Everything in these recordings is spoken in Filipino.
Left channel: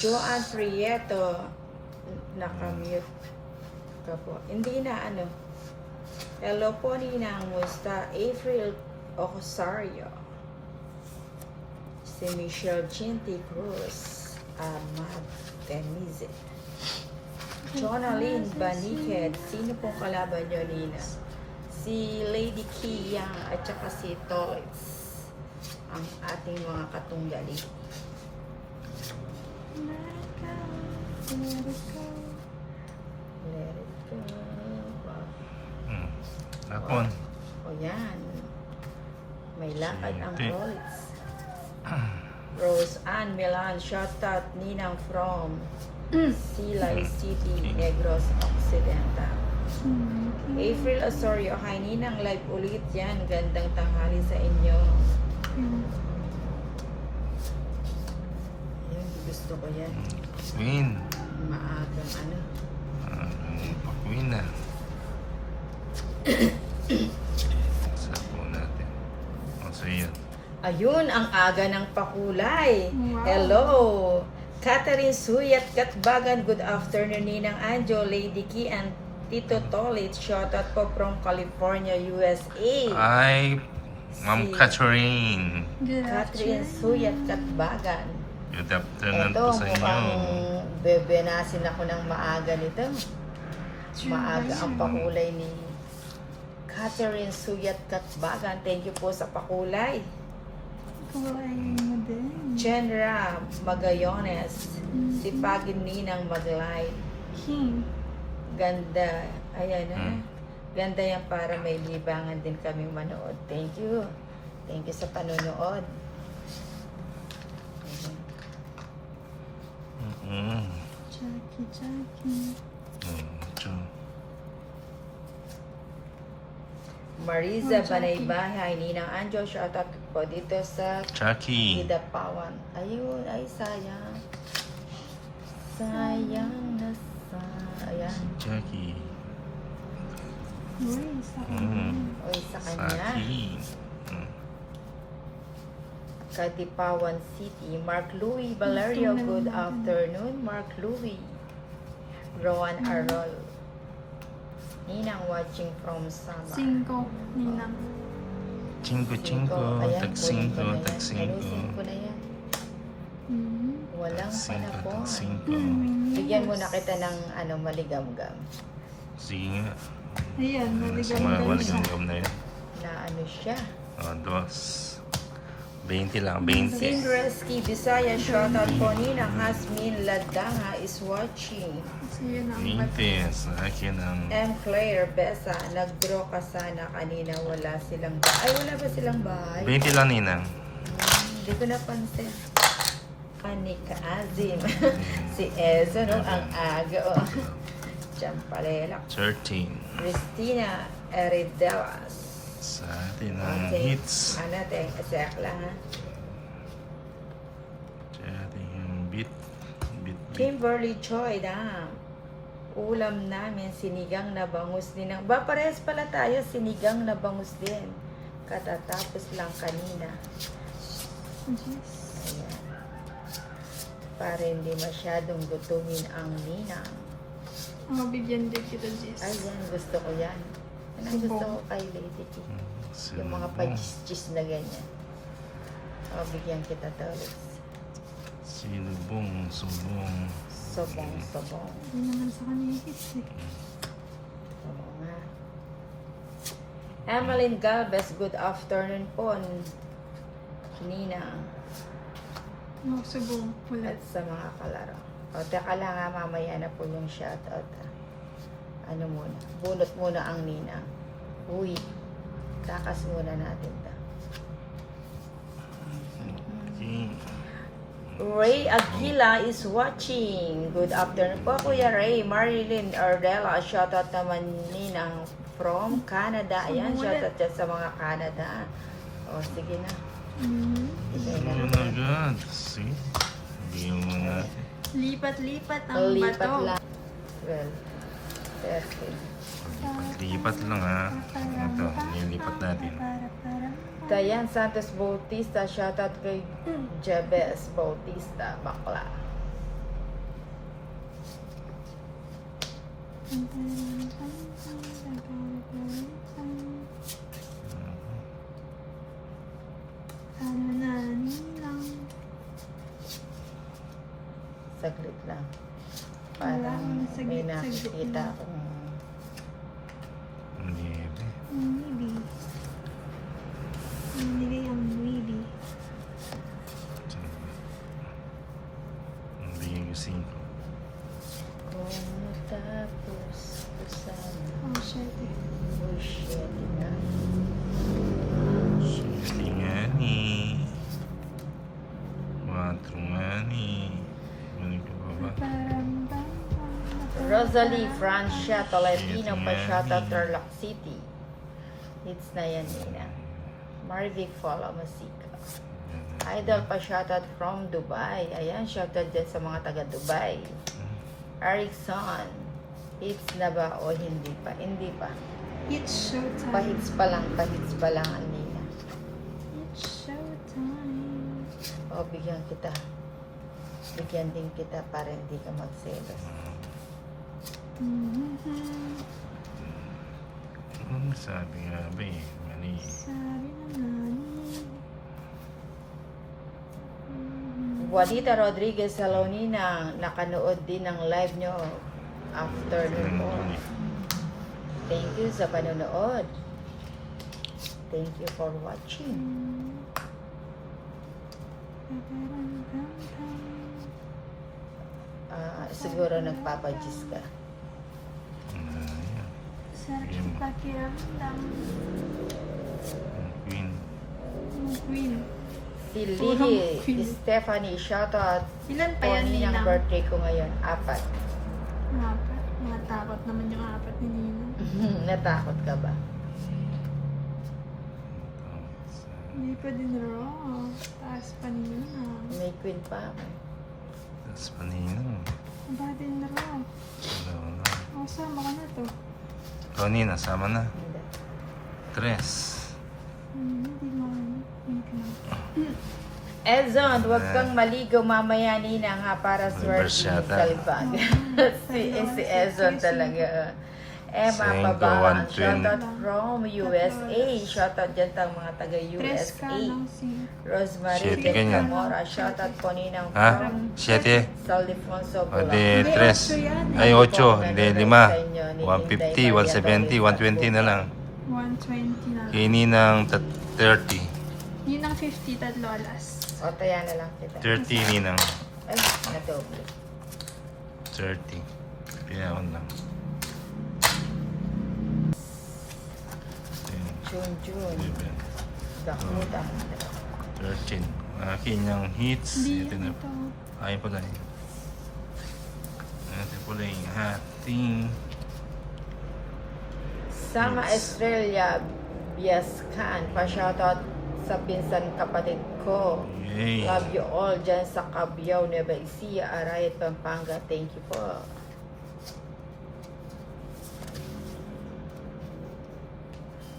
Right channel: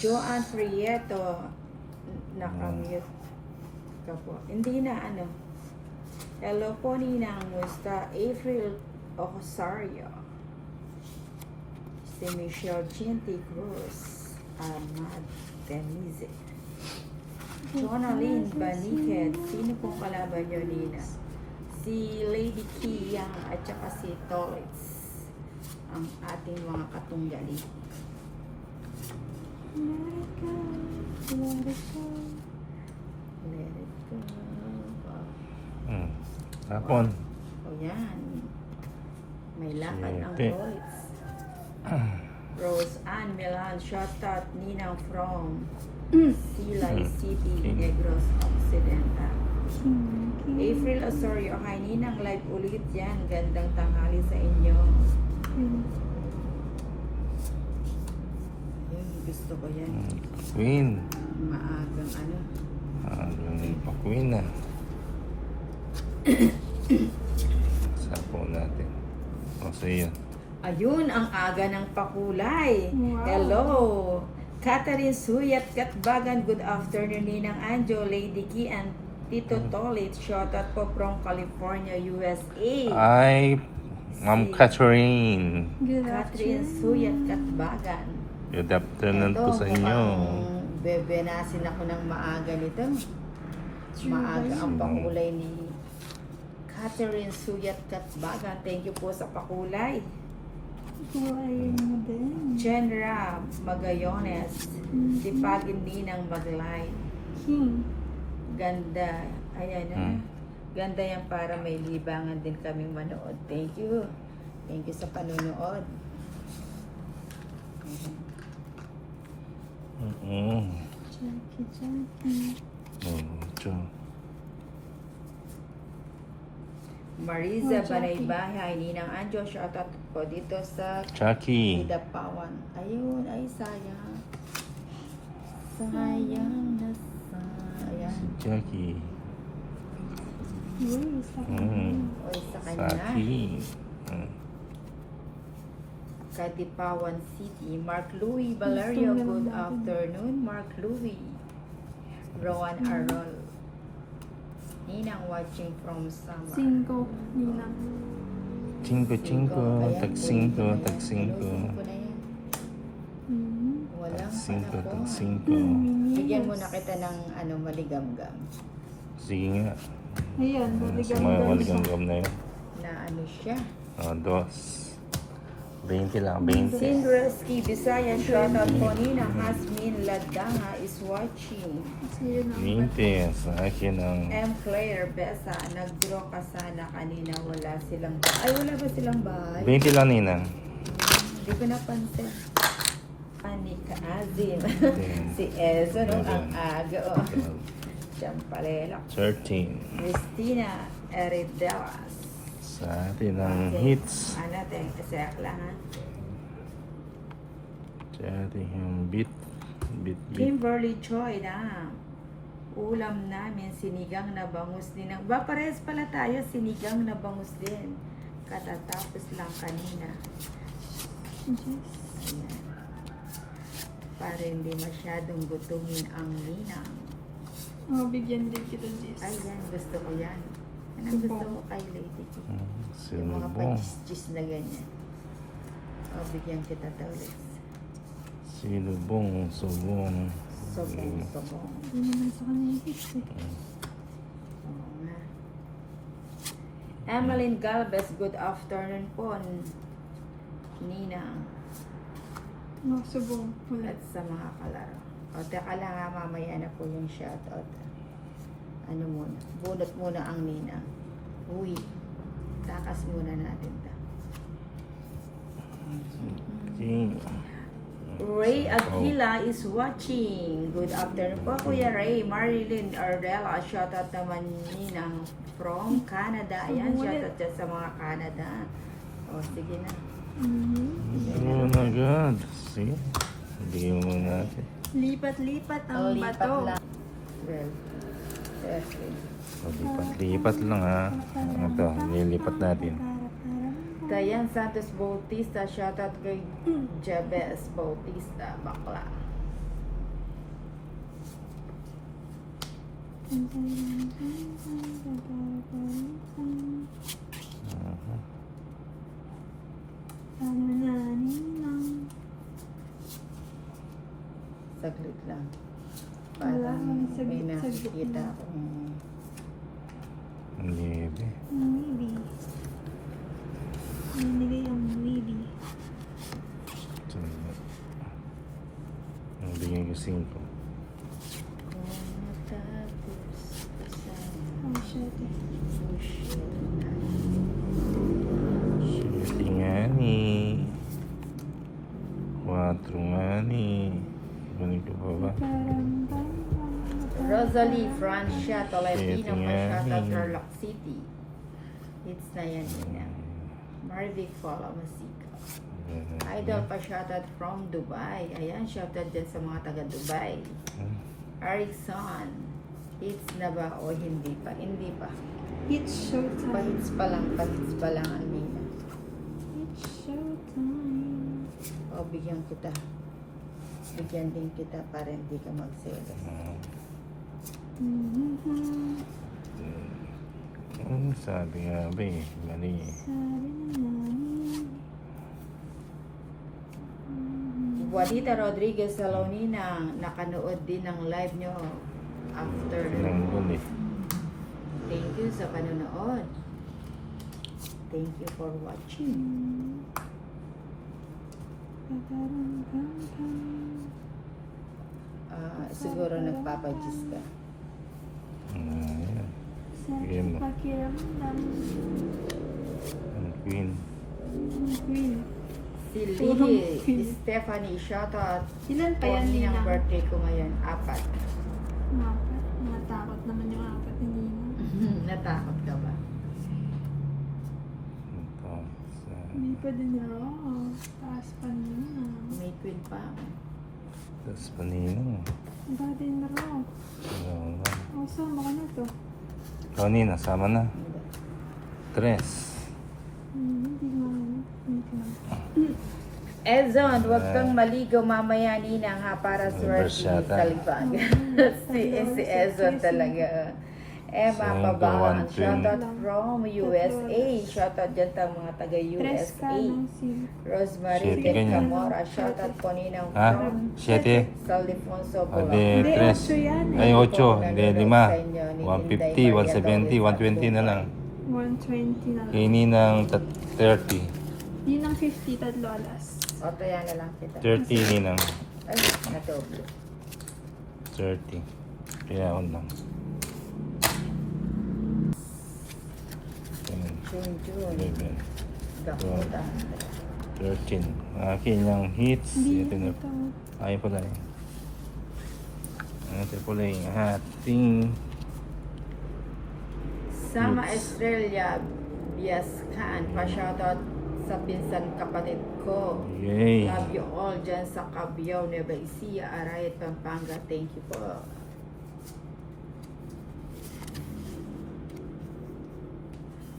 Joanne Prieto. Nakamute ka po. Hindi na ano. Hello po Ninang. Musta? April Osario. Si Michelle Chinty Cruz. Ahmad Denise. Jonalyn Baniket. Sino pong kalaban nyo, Nina? Si Lady Kiyang at saka si Toys. Ang ating mga katunggali. Let it go, let it go. Let it go. Hapon. O yan. May lakad ang Suti. Toys. Rose Ann Milan. Shout out Ninang from Silay City, Negros Occidental. April Osorio, hi Ninang, live ulit yan. Gandang tanghali sa inyo. Ayan, gusto ko yan. Queen. Maagang ano. Pa-queen na. Sapo natin. O, so yun. Ayun, ang aga ng pakulay. Wow. Hello! Catherine Suyat Katbagan, good afternoon Ninang Anjo, Lady Key, and Tito Tolit. Shout out po from California, USA. Ay, Ma'am Catherine. Catherine Suyat Katbagan. Good afternoon po sa inyo. mukhang bebenasin ako ng maaga nito. Maaga ang pakulay ni Catherine Suyat Katbagan. Thank you po sa pakulay. Kulay mo din. Chenra Magayones. Si Pagin Ninang Maglay. Ganda. Ayan na. Ganda yan para may libangan din kami manood. Thank you. Thank you sa panonood. Jackie, Jackie. Cho. Mariza Oh, Jackie. Banaybahay, Ninang Anjo, shout out po dito sa Jackie. Idapawan. Ayun, ay sayang. Sayang na sayang. Jackie. Uy, sa Uy, sa kanya. Saki. Kadipawan City. Mark Louie Valerio, good afternoon. Mark Louie. Rowan Arroyo. Ninang watching from Sama. 5 Ninang. Cinco, cinco. Tag 5, tag 5. na yan. Walang Tag 5, tag panahon. 5. Bigyan mo na kita ng ano, maligam-gam. Sige nga. Ayan, Ano sa bibigyan mga ko siya. waligam-gam na yun? Na ano siya. O, 2. 20 lang, 20. Sindreski Bisaya, shout out po Ninang Hasmin Ladanga is watching. Kasi yun ang 20. Sa akin ang M. Claire Besa, nag-draw ka sana kanina, wala silang bahay. Ay, wala ba silang bahay? 20 lang, Ninang. Hindi ko napansin. Anika Azin. Si Ezo, no? Ang aga, oh. Champarela. 13. Christina Eridelas. Sa atin ang hits. Ano, asek lang, ha? Sa atin ang beat. Beat. Kimberly Choi, ulam namin, sinigang na bangus din. Ba, parehas pala tayo, sinigang na bangus din. Katatapos lang kanina. Yes. Ayan. Para hindi masyadong gutumin ang ninang. Mabigyan din kita, Jess. Ayan, gusto ko yan. Yan ang gusto ko kay Lady T. Yung mga Sinubong. pa-cheese na ganyan. O, bigyan kita daw. Sinubong. Subong. Sobong-sobong. Hindi naman sa kanya yung hits eh. Oo nga. Emeline Galvez, good afternoon po. Nina. Magsubong. Wala. At sa mga kalaro. O, teka lang ha, mamaya na po yung shoutout. Ano muna? Bunot muna ang Nina. Uy, takas muna natin ta. Ray Aguila is watching. Good afternoon po, Kuya Ray. Marilyn Ardella, shoutout naman Ninang from Canada. Ayan, shoutout dyan sa mga Canada. O, sige na. Oh my God. See? Bigyan mo natin. Lipat-lipat ang Lipat bato. lang. Well, yes. Lipat lang ha. Ito, lilipat natin. Dayan Santos Bautista, shoutout kay Jebes Bautista, bakla. Sana na ninang. Saglit lang. Wala akong saglit, may saglit nakikita lang. akong Niebe. Maybe. Nanili ang maybe. Ang bigyan ko 5. kung tapos sana Oh, shit. push na. Suti nga ni. 4 nga ni. Ano ko pa ba? Rosalie Francia Tolentino Ito nga Machata ni. Tarlac City. Hits na yan nina. Marvic Fala Masika. Idol pa shoutout from Dubai. Ayan, shoutout din sa mga taga Dubai. Erickson. Hits na ba o hindi pa? Hindi pa. It's showtime. Pahits pa lang ang nina. It's showtime. O, bigyan kita. Bigyan din kita para hindi ka magselos. Sabi nga ba eh. Mali. Sabi na nani. Juanita Rodriguez Salonina, nakanood din ng live nyo after Nandun nyo. eh. Thank you sa panonood. Thank you for watching. Siguro nagpapajis ka. Ayan. Sarap Game sa mo. pakiramdam. Ang queen. Ang queen. Si Purong Lily queen. Stephanie, shoutout. Ilan pa yan, Pony ng Ninang? birthday ko ngayon, 4. Apat. Matakot naman yung apat ni Ninang. Natakot ka ba? Ito. Hindi pa din raw. Taas pa ni Ninang. May queen pa. Tapos paninang. Iba din raw. Wala. Oh, sama ka na to. Ikaw Nina, sama na. 3. Hindi mo ano. Hindi mo. Ezon, huwag kang maligo mamaya Nina nga para Reverse swerte yata. sa iba. si Ezon talaga. Emma Cinco, Pabaan, 120. shoutout from USA. Shoutout dyan tang mga taga Tres ka USA. ng sin. Rosemary Siete ganyan. Mora, shoutout po Ninang Ha? from 7? Saldefonso. O de 3. Ay 8. Hindi 5. 150, 170, 120 na lang. 120 na. Kay Ninang 30. Yun ang 50, tatlo alas. O, taya na lang kita. 30 Ninang. Ay, natubli. 30. Kaya on lang. 10, June. 11, Dakuda. 13. Akin yung hits. Ito na. Ay pala eh. Ito pala yung ating Sama Yes. Estrella Biascan, pa-shoutout sa pinsan kapatid ko. yay. Love you all dyan sa Cabiao, Nueva Ecija, Arayat, Pampanga. Thank you po.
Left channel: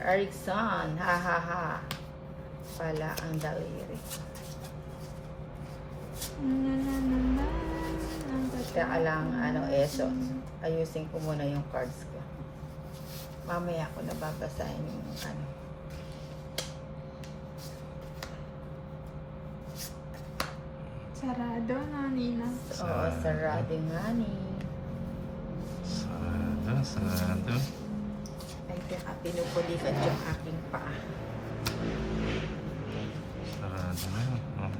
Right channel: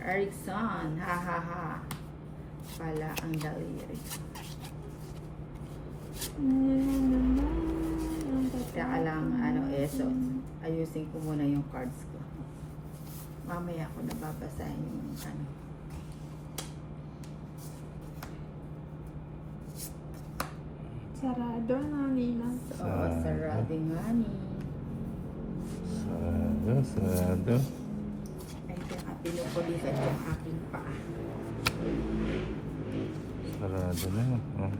Erickson, ha ha ha. Pala ang daliri. Kaya lang, ayusin ko muna yung cards ko. Mamaya ko nababasahin yung ano. Sarado na, Ninang. Sarado nga ni. Sarado. Ay, kaya pinupulikan yung aking paa. Sarado na. Oh.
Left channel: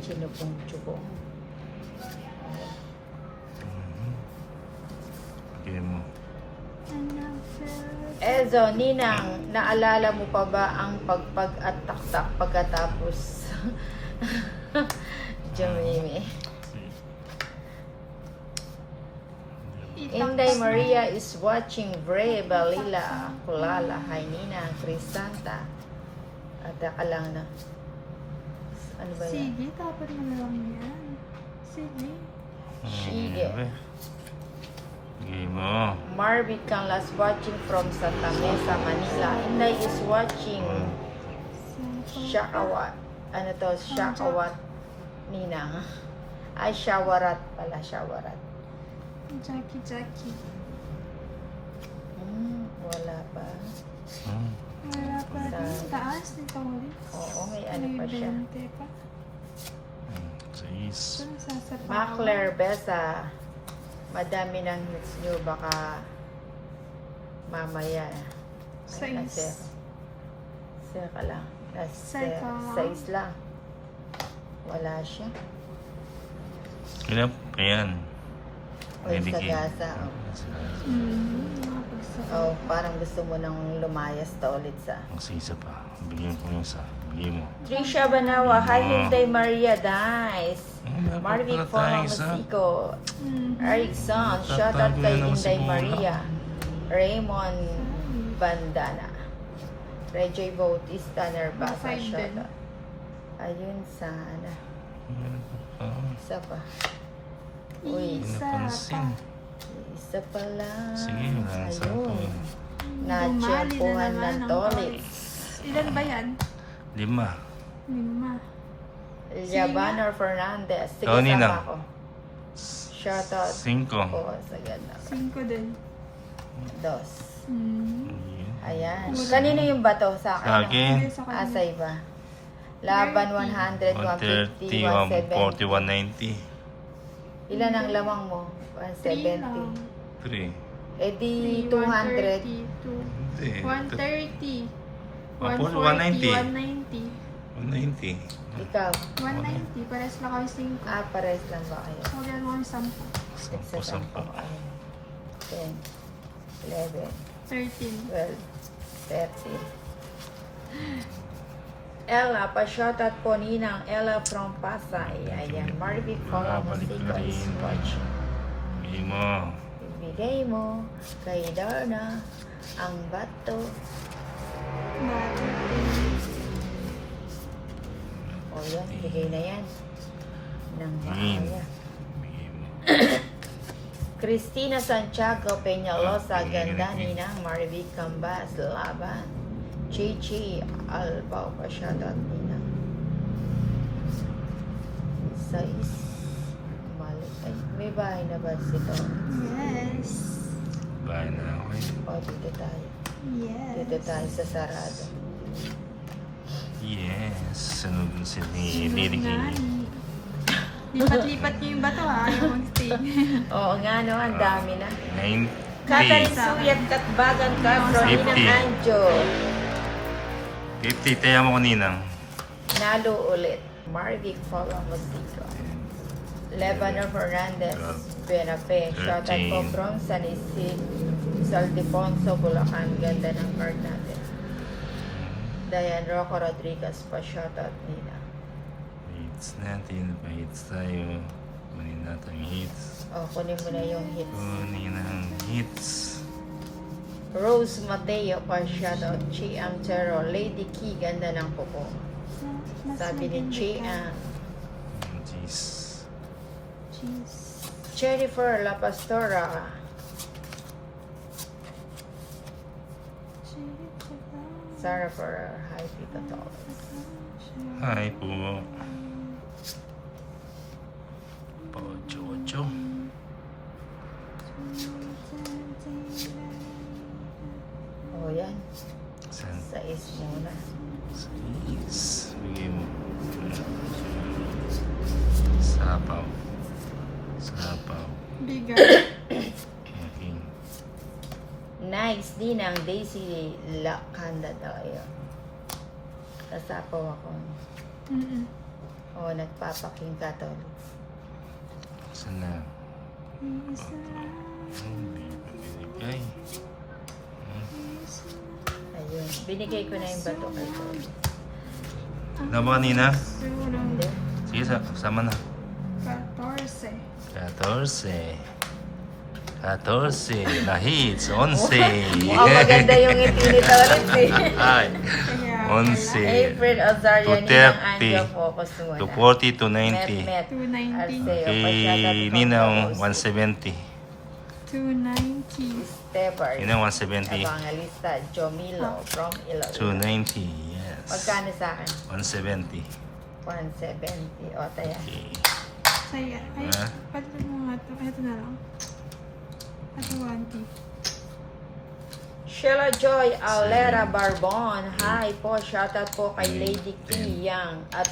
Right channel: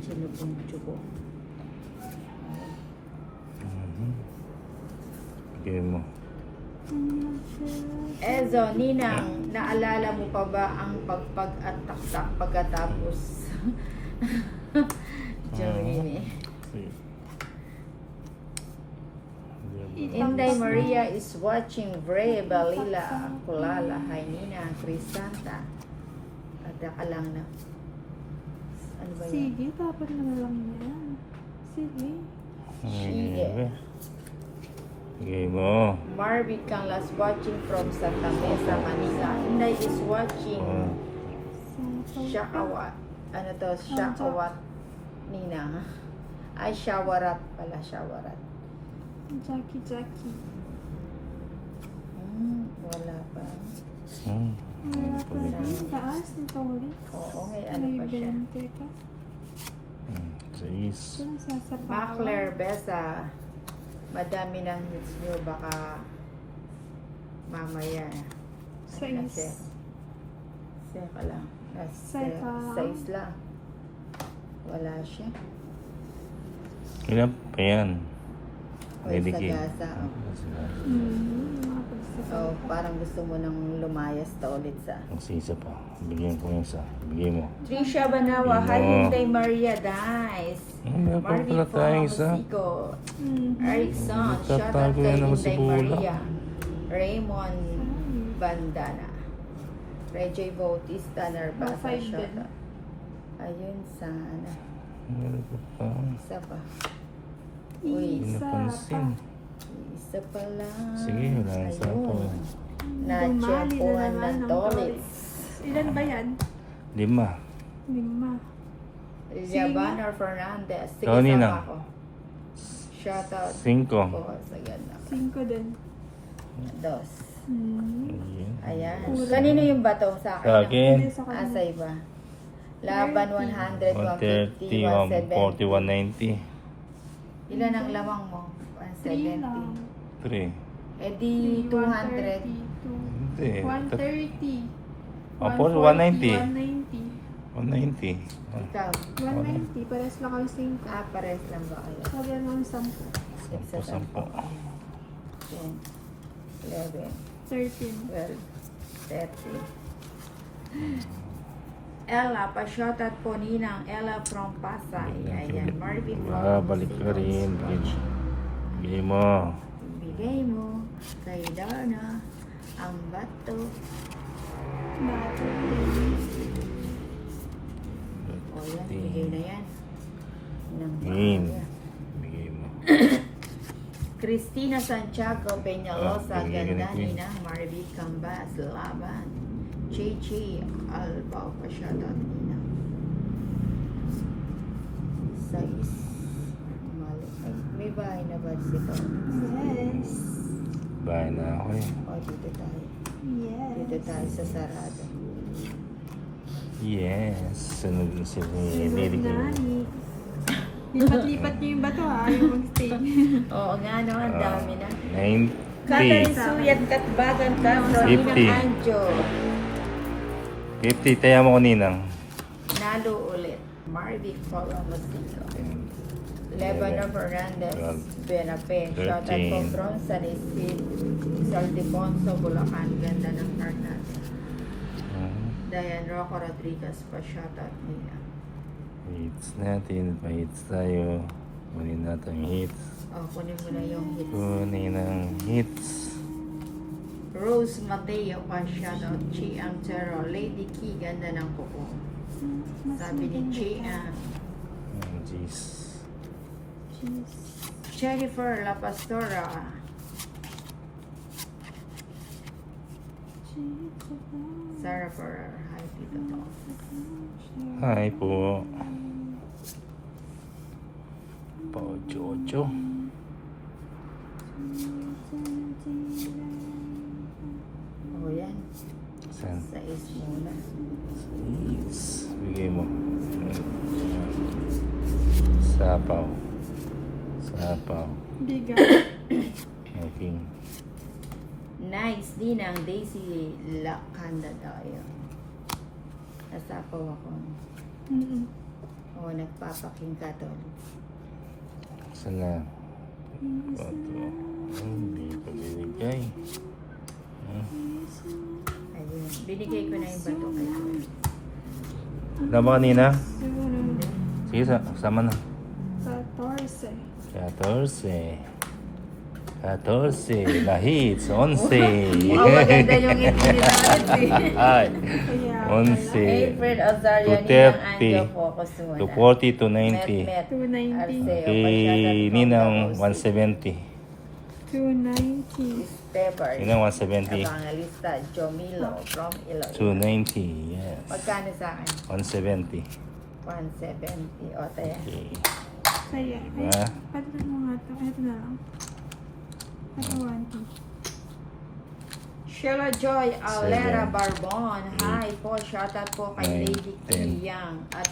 Sinupong-tsupong. Game mo. Ezo, Ninang, naalala mo pa ba ang pagpag at taktak pagkatapos? Jumimi. Inday Maria is watching Bray Balila Kulala. Hi Ninang, Crisanta. At teka lang na. Ano ba yan? Sige, dapat mo na lang yan. Sige. Niebe. Game mo. Marvic Canlas watching from Santa Mesa, Manila. Inday is watching Oh. Shakawat. Ano to? Shakawat. Ninang. Ay, shawarat pala, shawarat. Jackie. Wala pa. Wala pa din. Taas nito ulit. Oo, may ano pa siya. 20 pa. Sais. Ito nasasapawan. Macler, Besa. Madami ng hits nyo, baka mamaya. Sais. Seka lang. Seka lang. Size lang. Wala siya. Ilan pa yan? Ready key. Sagasa. Oh, parang gusto mo nang lumayas ta ulit sa... Ang isa pa. Bigyan ko yung isa. Bigyan mo. Trisha Banawa, hi Hyundai Maria Dice. Dapat Marvin pala tayo isa. Musico. Erickson, shout out Tatago kay yan naman si Hyundai Bula. Maria. Raymond Bandana. Rejoy Bautista, Nervasa, Five shout din. out. Ayun sana. Meron pa pa. Isa pa. Uy, Hindi napansin. isa pa lang. Sige, wala nang sapo. Dumali na Na-tsempuhan naman ng ng tolit. Ilan ba yan? 5. 5. Javanor Fernandez. Sige, Ikaw, Ninang. sama ako. Shout out. 5. Oo, sa ganda. 5 din. Dos. Ayan. Ayan. Kanino yung bato sa akin? Sa akin. Sa kanya. Asay ba? Laban 100, 130, 150, 140, 190. 170. Ilan ang lamang mo? 3 lang. 3. 170. Eh di 200. 130. Apo, 140, 190. 190. 190. Ikaw. 190. Pares lang kami 5. Pares lang ba kayo? So, ganun mo yung 10. 10. 10, 11, 13. 12, 13. Ella, pa-shoutout po ninang Ella from Pasay. Ayan, Marvin po. Balik ka rin. Bigyan mo. Ibigay mo kay Darna ang bato. O yan, ibigay na yan. Ng Green. pamilya. Bigyan mo. Cristina Santiago Peñalosa, bigyan ganda ka na, ni ng Marvin Cambas, Laban. Chichi Alba, pa-shoutout nina. Size. Mali. Ay, may bahay na ba sila? Yes. Bahay na ako eh. O, dito tayo. Yes. Dito tayo sa sarado. Yes. Sunod na si Sunod Lady na. Kay. Lipat-lipat niyo yung bato ha. Yung mag-stay. Oo nga, no? Ang dami na. 90. Kakain Suyat Katbagan ka. 50. Anjo. 50. Taya mo ko ninang. Nalo ulit. Marvic Papa Musico. 11 Fernandez. 12, Benafe. 13. Shoutout po from San Isidro. Saltifonso, Bulacan. Ganda ng card natin. Diane Rocco Rodriguez pa. Shoutout nila. Hits natin. Pa-hits tayo. Kunin natin ang hits. O, kunin mo na yung hits. Kunin ang hits. Rose Mateo pa. Shoutout. Chi Amtero. Lady Key. Ganda ng kuko. Sabi ni Chi Am. Jeez. Cheese. Jennifer La Pastora. Sarah Ferrer. Hi, Tito Top. Hi po. Pocho-ocho. O, yan. Saan? Sa is muna. Sais. Bigay mo. Sapaw. Sapaw. Bigat. Okay. Nice din ang Daisy Lakanda daw yun. Nasapaw ako. O, nagpapaking ka to. Saan na? Quatro. Hindi pa binigay. Ayun. Binigay ko na yung bato kayo. Wala ba kanina? Hindi. Sige, sama na. 14. 14. Na hits. 11. Oh, maganda yung infinita ulit eh. Ay. Kaya, 11. April Ozario, 230. 240 to 90. 290. Okay, Ninang 170. 290. Estebar. Ninang 170. Evangelista Jomilo from Iloilo. 290, yes. Magkano sa akin? 170. 170. O, tayo. Okay. Saya. Diba? Pwede na mga ito. Ito na lang. Ito 1K. Sheila Joy Alera Barbon. Hi po. Shoutout po kay Lady Kim Yang. At